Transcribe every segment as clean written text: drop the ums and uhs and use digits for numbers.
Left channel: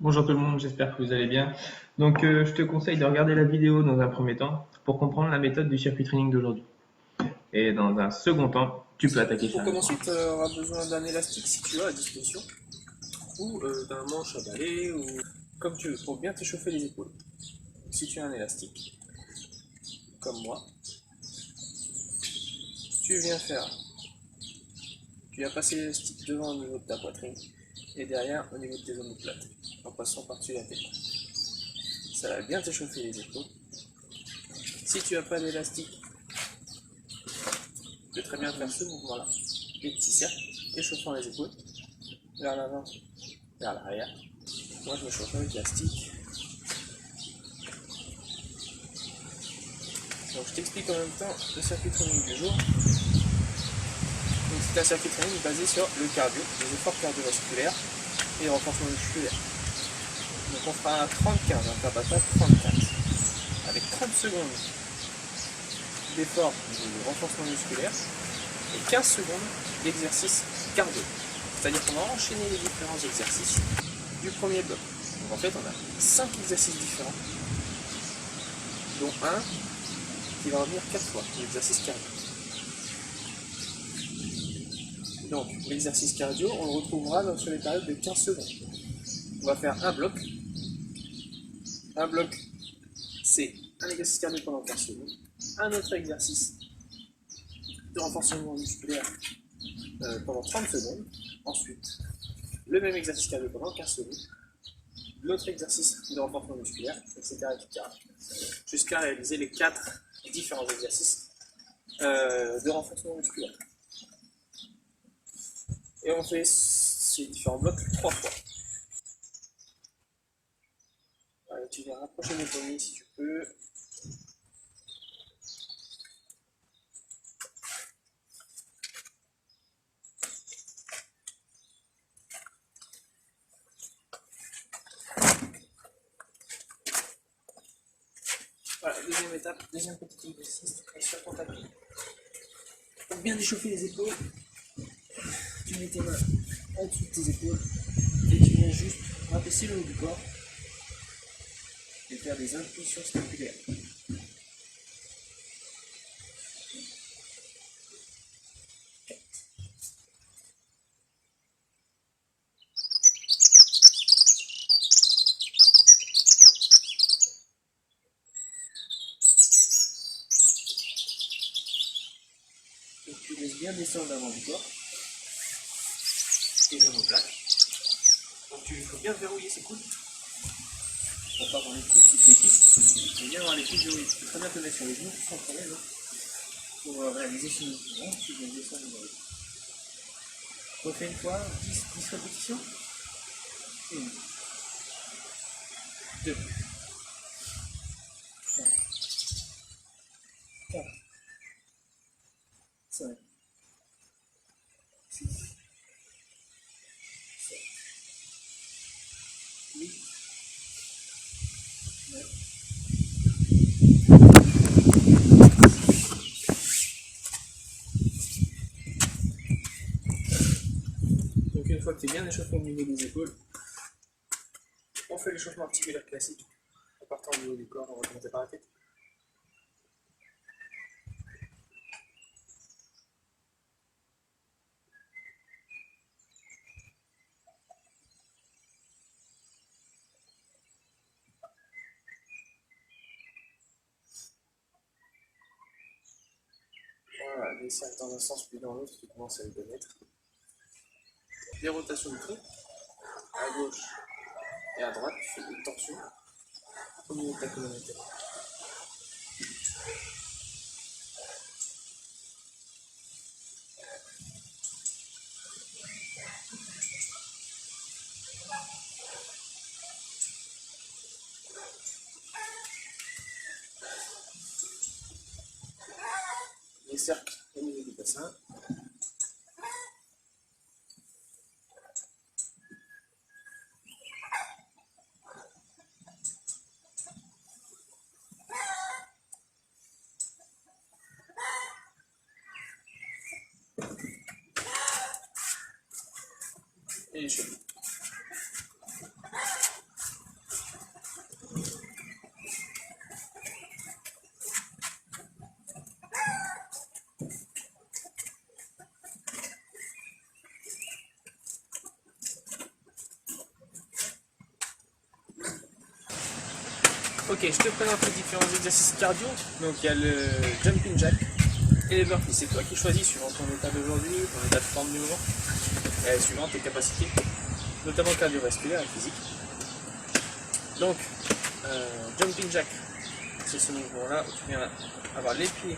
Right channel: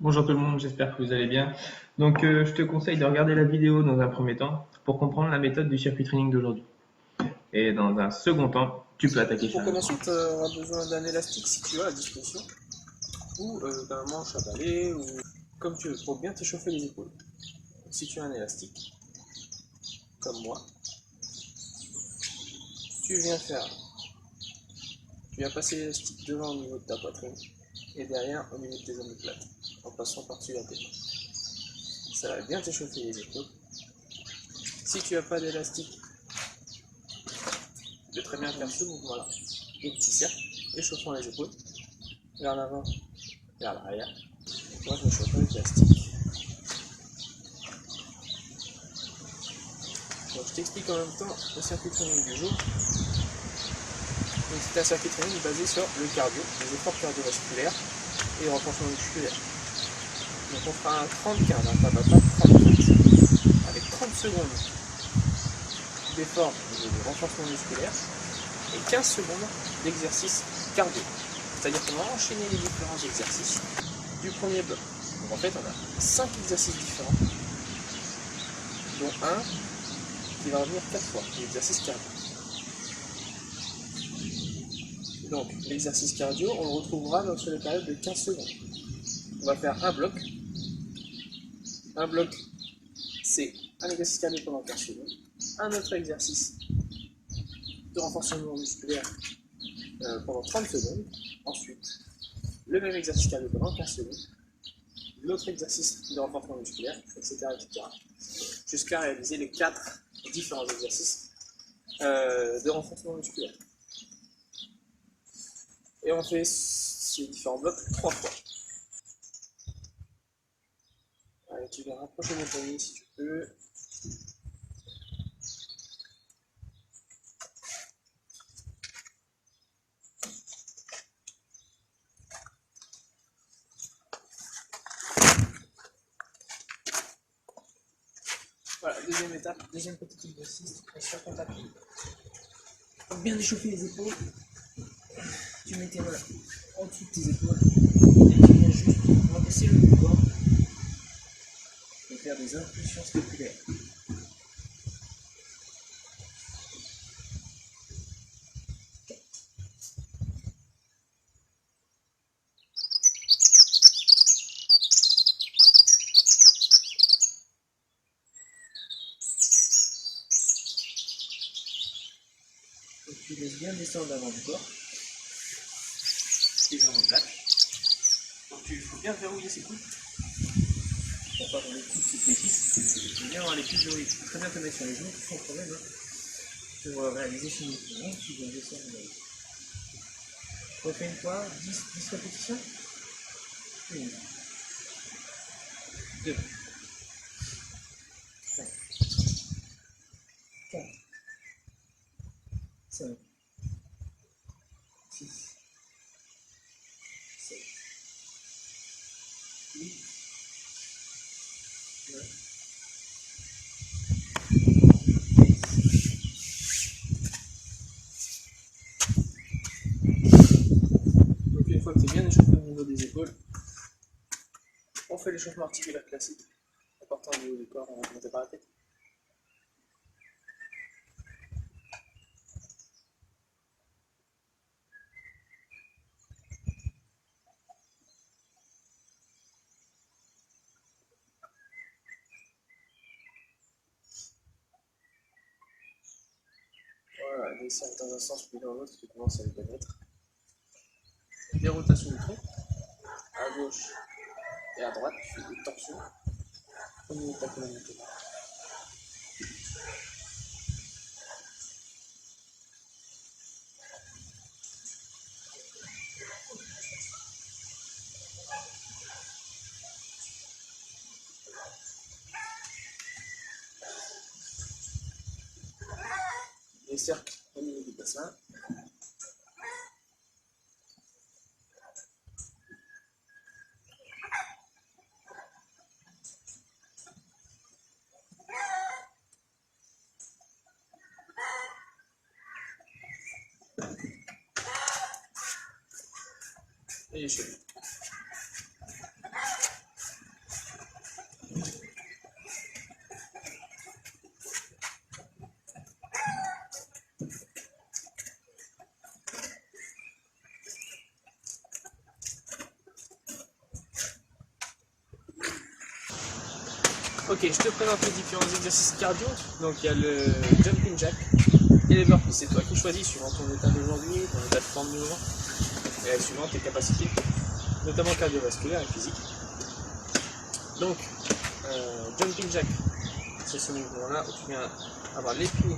Bonjour tout le monde, j'espère que vous allez bien. Je te conseille de regarder la vidéo dans un premier temps pour comprendre la méthode du circuit training d'aujourd'hui. Et dans un second temps, tu peux attaquer Pour sérieusement. commencer, tu auras besoin d'un élastique si tu as à disposition, ou d'un manche à balai, ou comme tu veux, pour bien t'échauffer les épaules. Si tu as un élastique, comme moi, tu viens faire, tu viens passer l'élastique devant au niveau de ta poitrine, et derrière au niveau de tes omoplates, en passant par-dessus la tête. Ça va bien t'échauffer les épaules. Si tu n'as pas d'élastique, tu peux très bien faire ce mouvement-là, des petits cercles, échauffant les épaules, vers l'avant, vers l'arrière. Moi je me chauffe avec l'élastique. Donc je t'explique en même temps le circuit training du jour. Donc c'est un circuit training basé sur le cardio, les efforts cardiovasculaires et le renforcement musculaire. Donc on fera un 30-15, un Tabata 30-15, avec 30 secondes d'effort au niveau du renforcement musculaire et 15 secondes d'exercice cardio. C'est-à-dire qu'on va enchaîner les différents exercices du premier bloc. Donc en fait on a 5 exercices différents, dont un qui va revenir 4 fois, l'exercice cardio. Donc l'exercice cardio, on le retrouvera sur les périodes de 15 secondes. On va faire un bloc. Un bloc, c'est un exercice cardio pendant 15 secondes. Un autre exercice de renforcement musculaire pendant 30 secondes. Ensuite, le même exercice cardio pendant 15 secondes. L'autre exercice de renforcement musculaire, etc. Jusqu'à réaliser les 4 différents exercices de renforcement musculaire. Et on fait ces différents blocs 3 fois. Allez, tu viens rapprocher mes poignets si tu peux. Voilà, deuxième étape, deuxième petit exercice, tu prends sur ton tapis. Pour bien échauffer les épaules, tu mets tes mains en dessous de tes épaules et tu viens juste rabaisser le haut du corps et faire des impulsions scapulaires. Donc tu laisses bien descendre l'avant du corps, tes omoplates. Donc il faut bien verrouiller ses coudes pour pas avoir les coudes qui fléchissent. Il faut bien avoir les coudes verrouillés. Tu peux très bien te mettre sur les genoux sans problème pour réaliser ce mouvement. Tu viens descendre le dos. Refais une fois, 10 répétitions. 1, 2, 3, 4, 5, 6, 7, 8, 9. Donc une fois que tu es bien échauffé au niveau des épaules, on fait l'échauffement articulaire classique. En partant au niveau du corps, on va commencer par la tête. Voilà, des cercles dans un sens puis dans l'autre, tu commences à les connaître. Des rotations du tronc, à gauche et à droite, tu fais des torsions au niveau de ta colonne vertébrale. Des cercles au niveau du bassin. Et les chevilles. Ok, je te présente les différents exercices cardio. Donc il y a le jumping jack et les burpees. C'est toi qui choisis suivant ton état d'aujourd'hui, ton état de forme du moment, et suivant tes capacités, notamment cardiovasculaires et physiques. Donc, jumping jack, c'est ce mouvement-là où tu viens avoir les pieds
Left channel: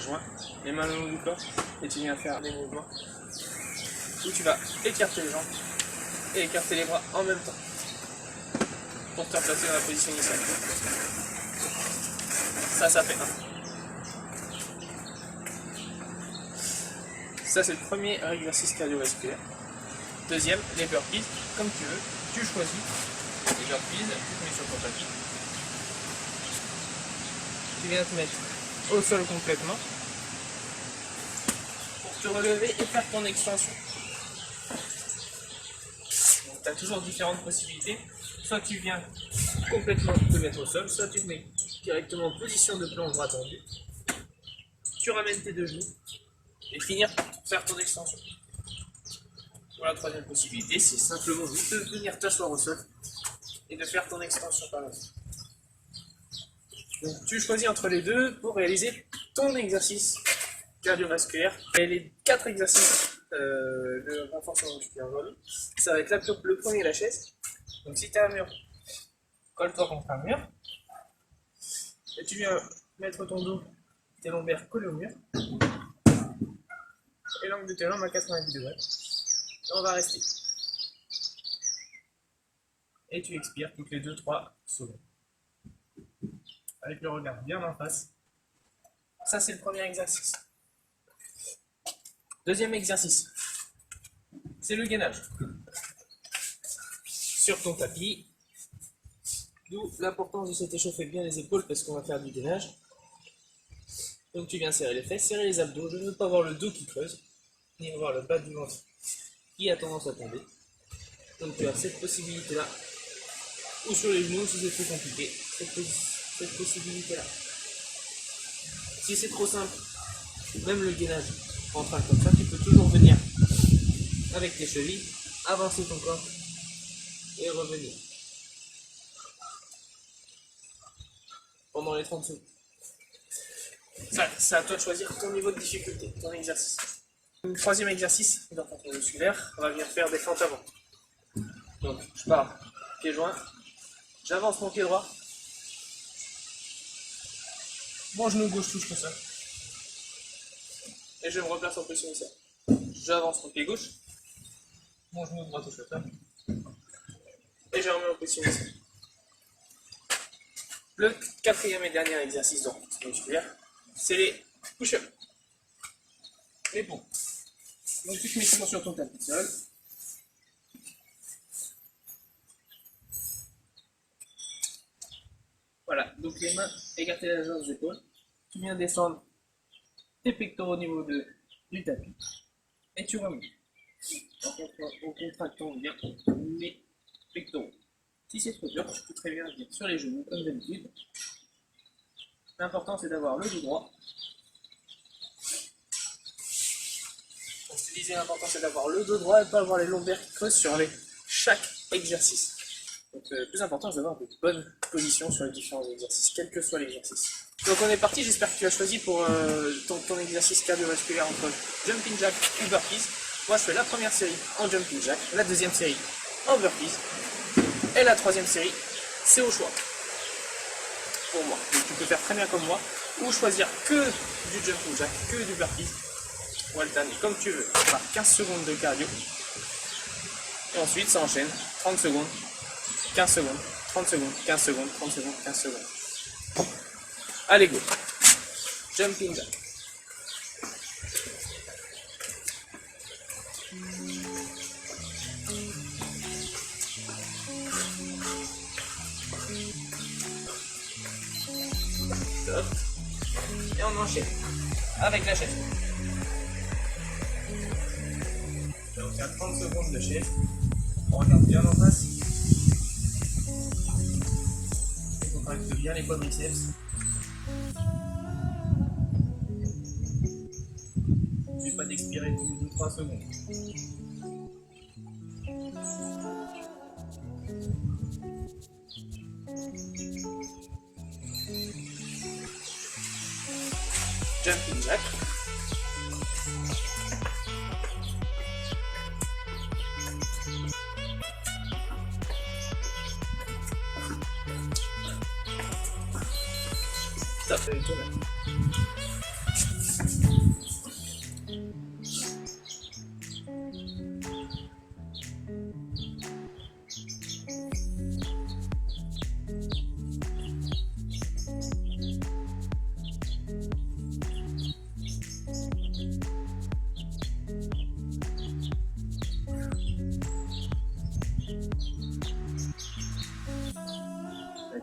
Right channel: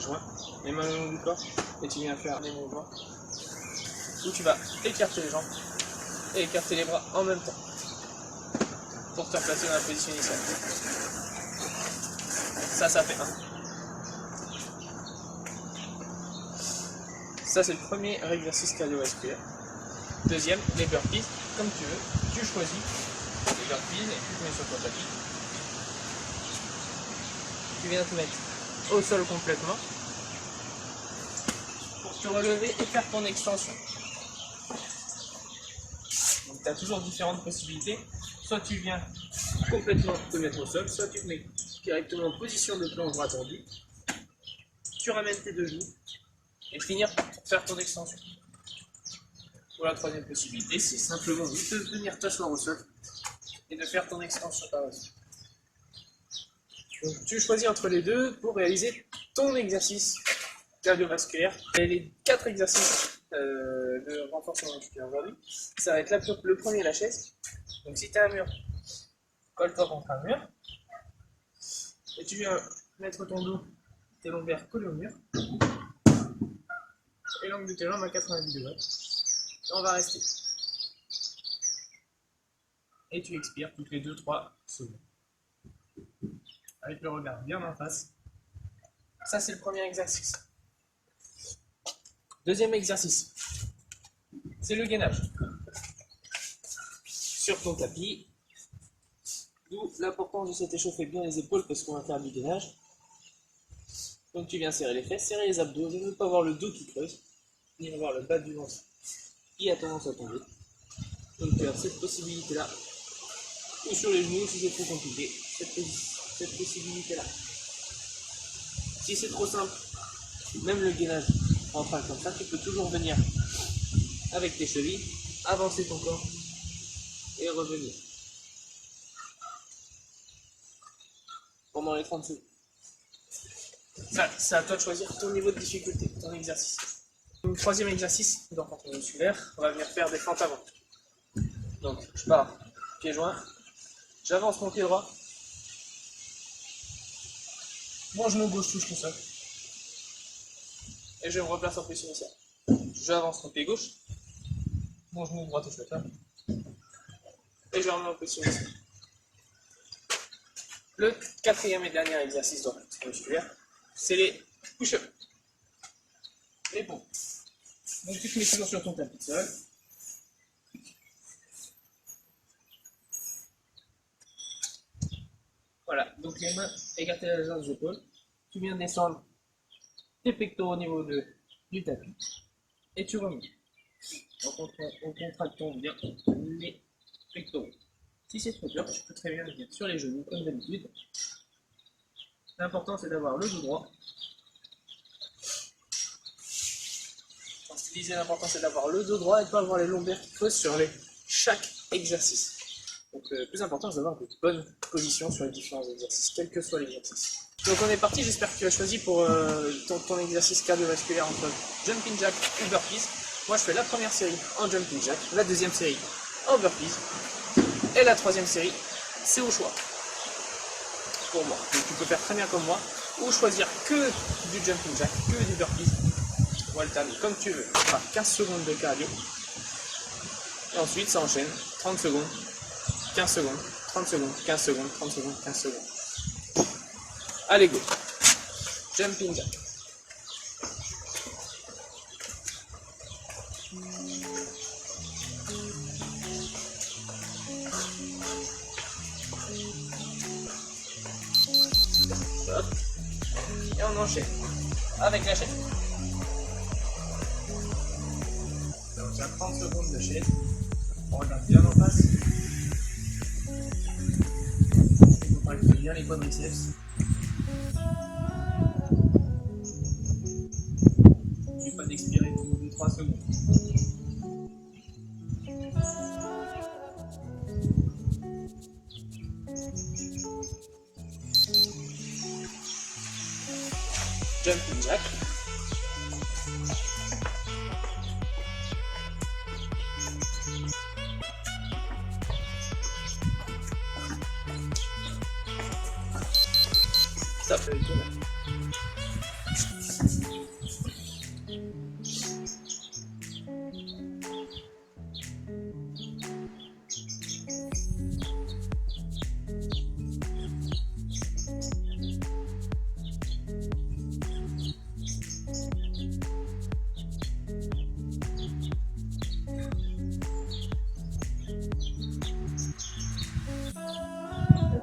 joints, les mains le long du corps, et tu viens faire des mouvements où tu vas écarter les jambes et écarter les bras en même temps pour te replacer dans la position initiale. Ça fait 1. Ça, c'est le premier exercice cardiovasculaire. Deuxième, les burpees, comme tu veux, tu choisis les burpees, tu te mets sur ton tapis. Tu viens te mettre au sol complètement pour te relever et faire ton extension. Donc tu as toujours différentes possibilités. Soit tu viens complètement te mettre au sol, soit tu te mets directement en position de planche bras tendu. Tu ramènes tes deux genoux et finir par faire ton extension. Ou la troisième possibilité, c'est simplement de venir t'asseoir au sol et de faire ton extension par la suite. Donc tu choisis entre les deux pour réaliser ton exercice cardiovasculaire. Et les 4 exercices de renforcement musculaire aujourd'hui, ça va être le premier, la chaise. Donc si tu as un mur, colle-toi contre un mur. Et tu viens mettre ton dos, tes lombaires collés au mur. Et l'angle de tes jambes à 90 degrés. Et on va rester. Et tu expires toutes les 2-3 secondes. Avec le regard bien en face. Ça, c'est le premier exercice. Deuxième exercice, c'est le gainage. Sur ton tapis, d'où l'importance de se échauffer bien les épaules parce qu'on va faire du gainage. Donc tu viens serrer les fesses, serrer les abdos, de ne pas avoir le dos qui creuse, ni avoir le bas du ventre qui a tendance à tomber. Donc tu as cette possibilité-là, ou sur les genoux si c'est trop compliqué, cette possibilité-là. Si c'est trop simple, même le gainage en train comme ça, tu peux toujours venir avec tes chevilles, avancer ton corps et revenir pendant les 30 secondes. C'est à toi de choisir ton niveau de difficulté, ton exercice. Le troisième exercice dans ton musculaire, on va venir faire des fentes avant. Donc je pars, pied joint, j'avance mon pied droit, mon genou gauche touche le sol. Et je me replace en position initiale. J'avance mon pied gauche, mon genou droit touche le sol. Et je remets en position initiale. Le quatrième et dernier exercice de renforcement musculaire, c'est les push-ups. Les pompes. Donc tu te mets toujours sur ton tapis de sol. Voilà, donc les mains écartées à la largeur des épaules. Tu viens descendre tes pectoraux au niveau du tapis. Et tu remontes. En contractant bien les pectoraux. Si c'est trop dur, tu peux très bien venir sur les genoux comme d'habitude. L'important c'est d'avoir le dos droit. Donc je te disais, l'important c'est d'avoir le dos droit et pas avoir les lombaires qui creusent sur chaque exercice. Donc le plus important c'est d'avoir de bonnes positions sur les différents exercices, quel que soit l'exercice. Donc on est parti, j'espère que tu as choisi pour ton exercice cardiovasculaire entre jumping jack ou burpees. Moi je fais la première série en jumping jack, la deuxième série en burpees. Et la troisième série, c'est au choix pour moi. Donc tu peux faire très bien comme moi, ou choisir que du jumping jack, que du burpees, ou alterner comme tu veux. Par 15 secondes de cardio. Et ensuite ça enchaîne 30 secondes, 15 secondes, 30 secondes, 15 secondes, 30 secondes, 15 secondes. Allez go. Jumping jack. Stop. Et on enchaîne avec la chaise. Donc c'est à 30 secondes de chaise. On regarde bien en face. Il faut travailler bien les quadriceps. N'oublie pas d'expirer au bout de 3 secondes. jumping jack. Stop avec toi là.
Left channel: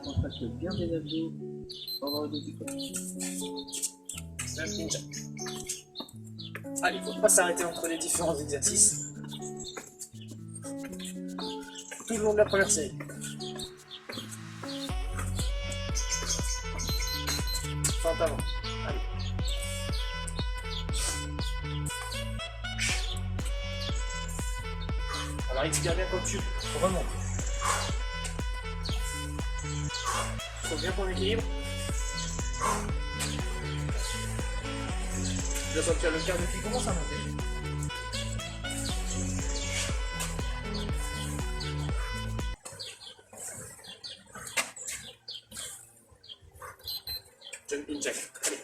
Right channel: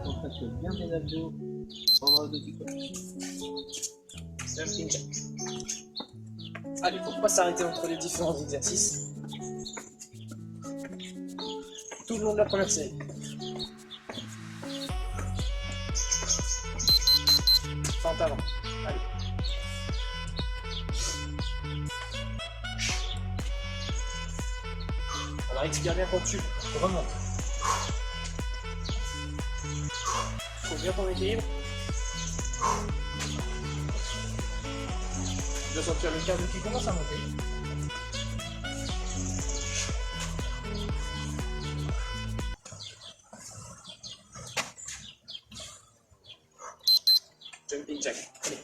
Contracte bien tes abdos pendant le dos du corps. Jumping jack. Allez, faut pas s'arrêter entre les différents exercices. Tout le long de la première série. Fente avant. Allez. Alors expire bien quand tu remontes. Faut bien ton équilibre. Tu dois sentir le cardio qui commence à monter. Jumping jack. Allez.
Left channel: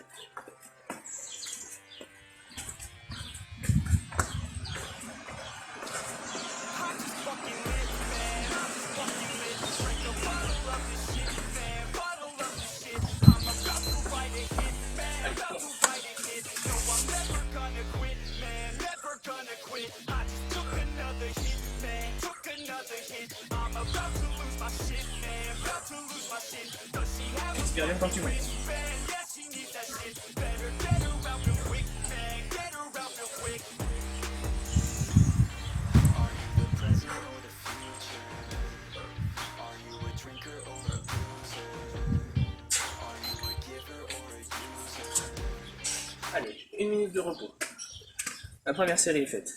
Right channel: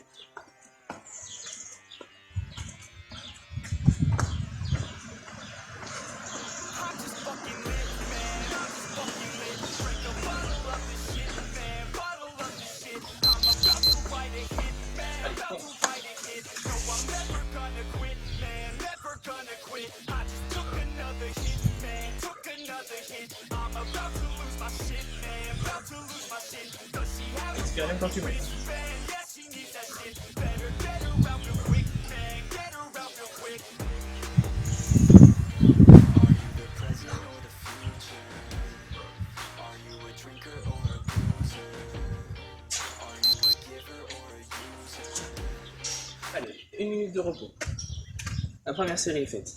Expire bien quand tu montes. Allez, 1 minute de repos. La première série est faite.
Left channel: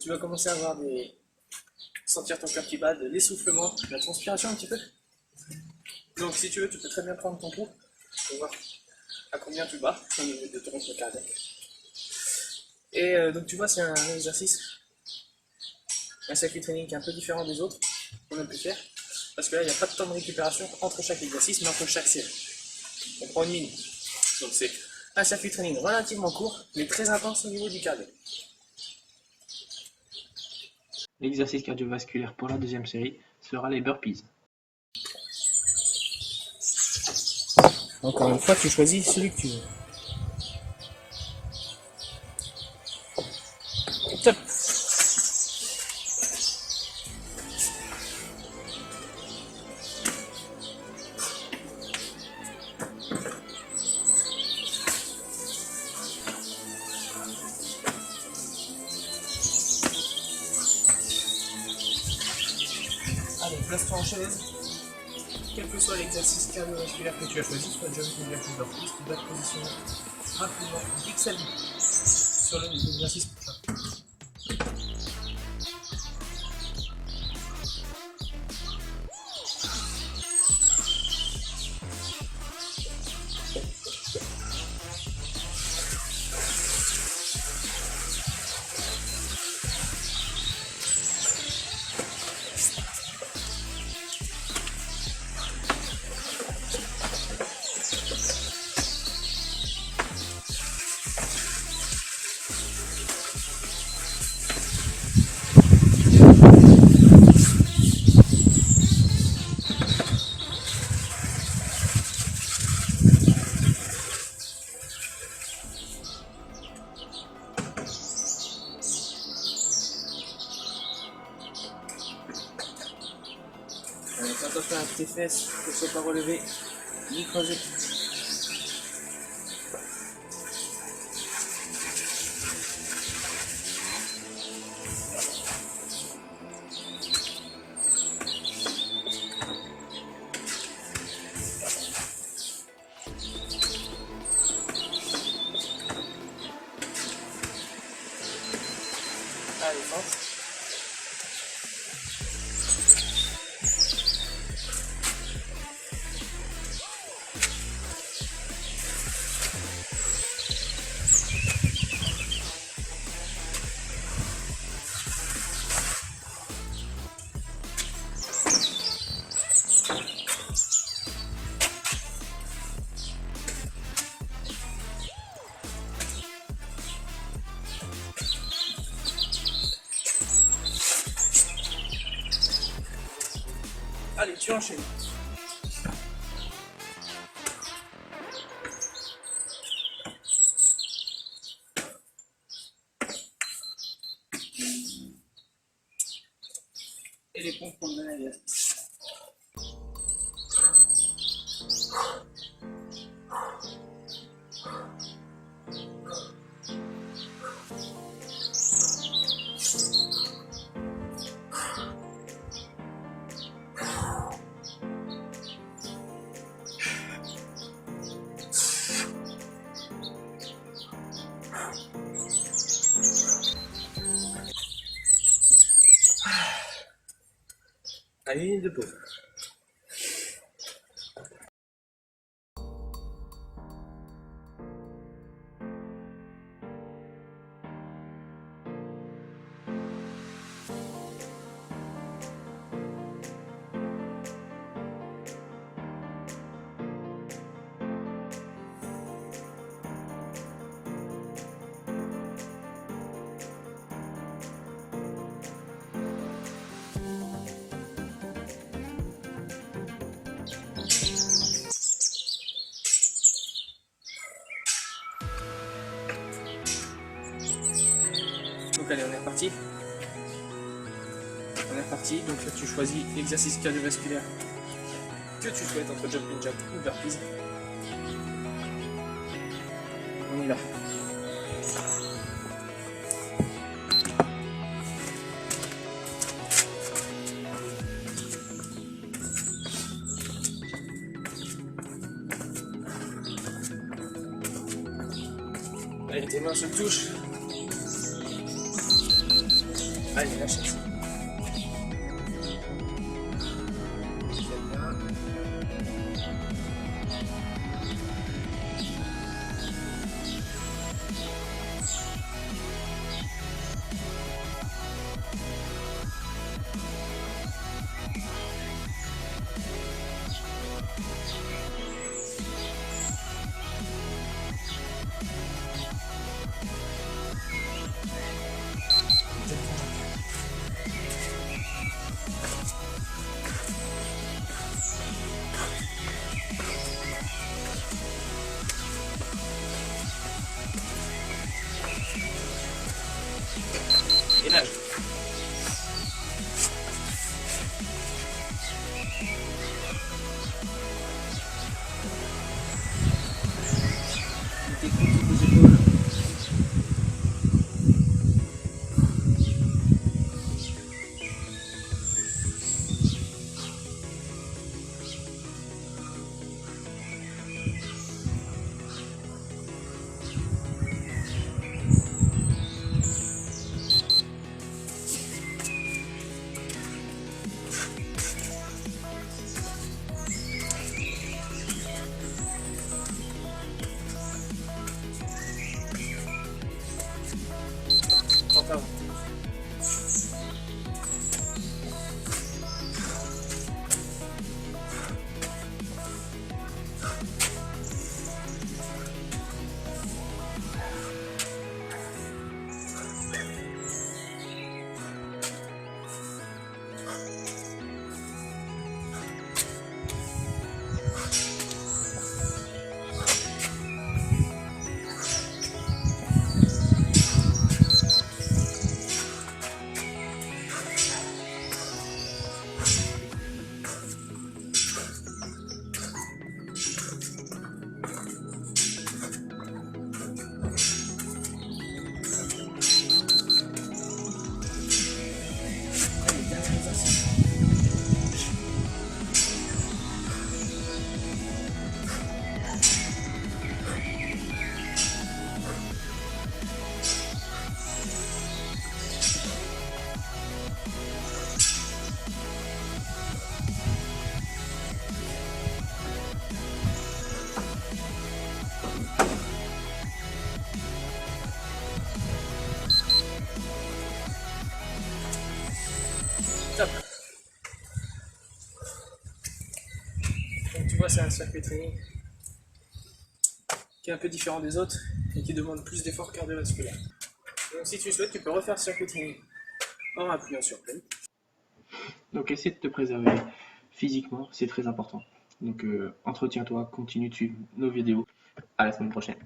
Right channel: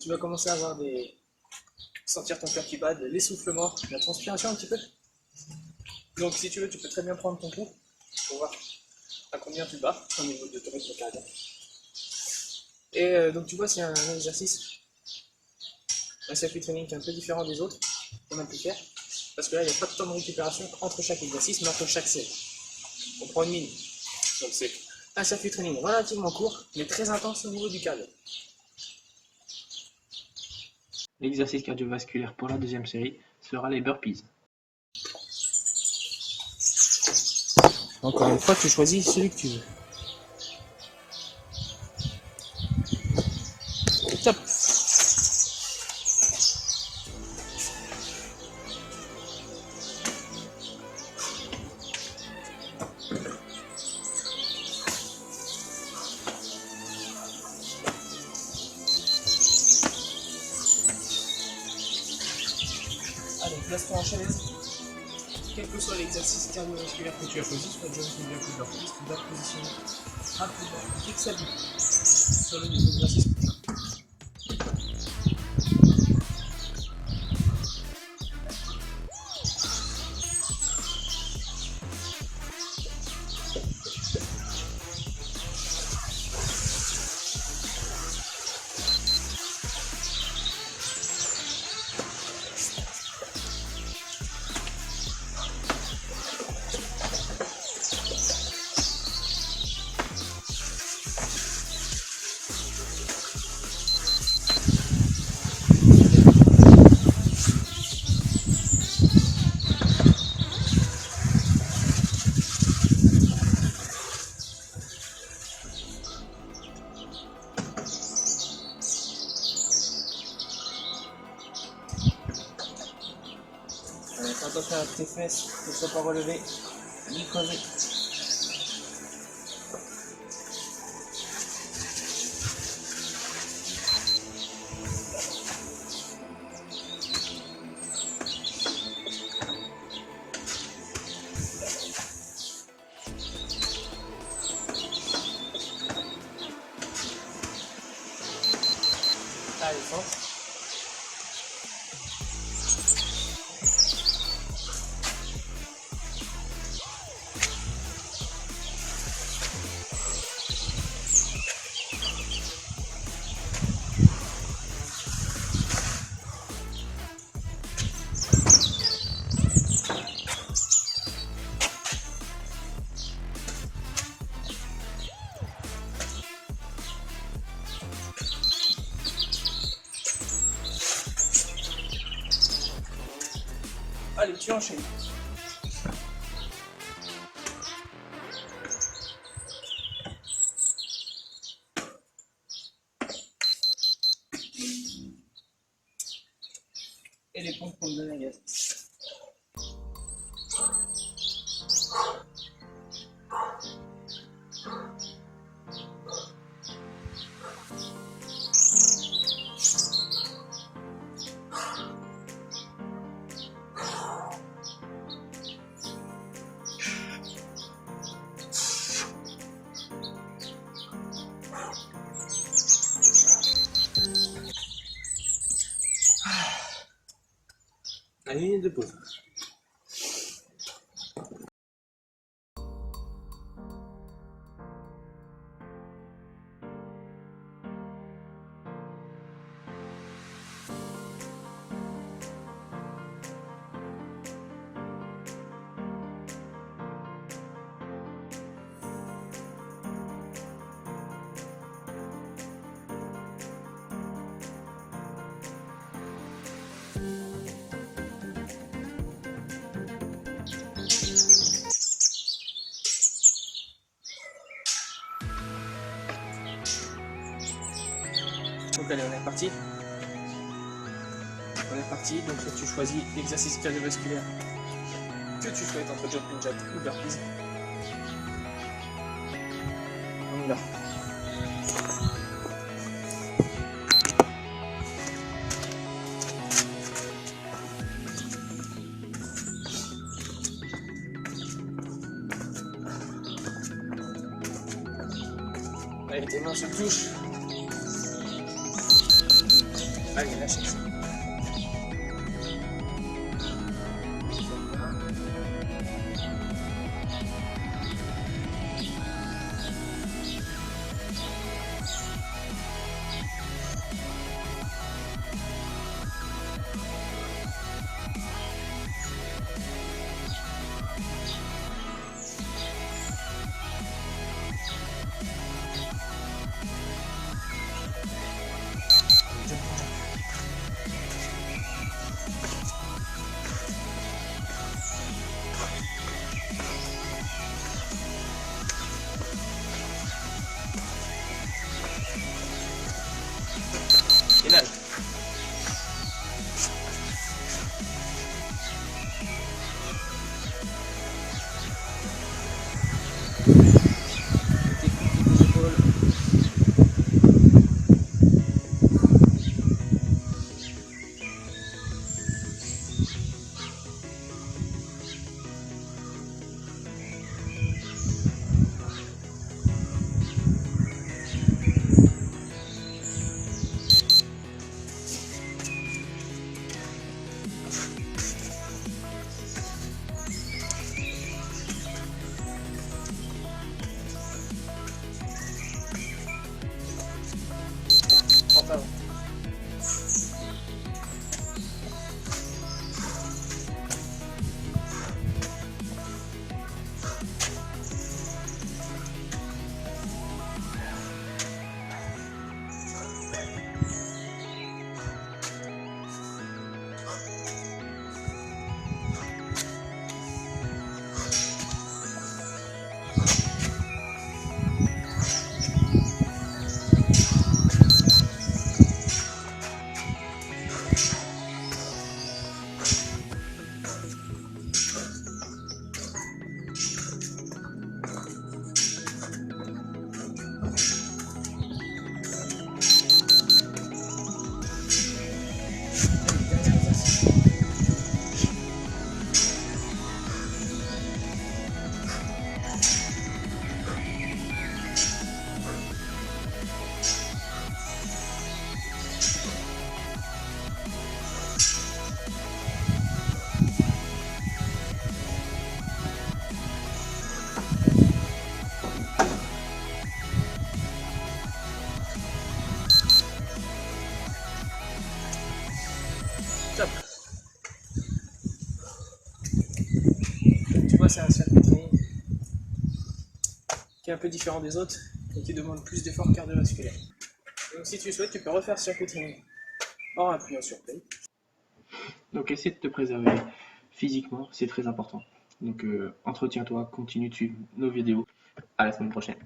Tu vas commencer à avoir sentir ton cœur qui bat, de l'essoufflement, de la transpiration un petit peu. Donc si tu veux, tu peux très bien prendre ton pouls pour voir à combien tu bats au niveau de ton rythme cardiaque. Et donc tu vois, c'est un exercice, un circuit training qui est un peu différent des autres qu'on a pu faire. Parce que là, il n'y a pas de temps de récupération entre chaque exercice, mais entre chaque série. On prend 1 minute. Donc c'est un circuit training relativement court, mais très intense au niveau du cardio. L'exercice cardiovasculaire pour la deuxième série sera les burpees. Encore une fois, tu choisis celui que tu veux. Top. Allez, place-toi en chaise. Quel que soit l'exercice cardiovasculaire que tu as choisi, soit jumping jack ou burpees, tu dois te positionner rapidement, fixe à vue sur le exercice. Attention à tes fesses, que ce soit pas relevé, ni creusé. Allez, force. Allez, tu enchaînes. Et les pompes pour me donner la gaz. Allez, 1 minute de pause. Donc allez, on est reparti. Donc là tu choisis l'exercice cardiovasculaire que tu souhaites entre jumping jack ou burpees. On y va. Allez, tes mains se touchent. Allez, lâche ça. Et nage. Avant. Top. Donc, tu vois, c'est un circuit training qui est un peu différent des autres et qui demande plus d'efforts cardiovasculaires. Donc si tu souhaites, tu peux refaire ce circuit training en appuyant sur play. Donc essaie de te préserver physiquement, c'est très important. Donc entretiens-toi, continue de suivre nos vidéos. À la semaine prochaine.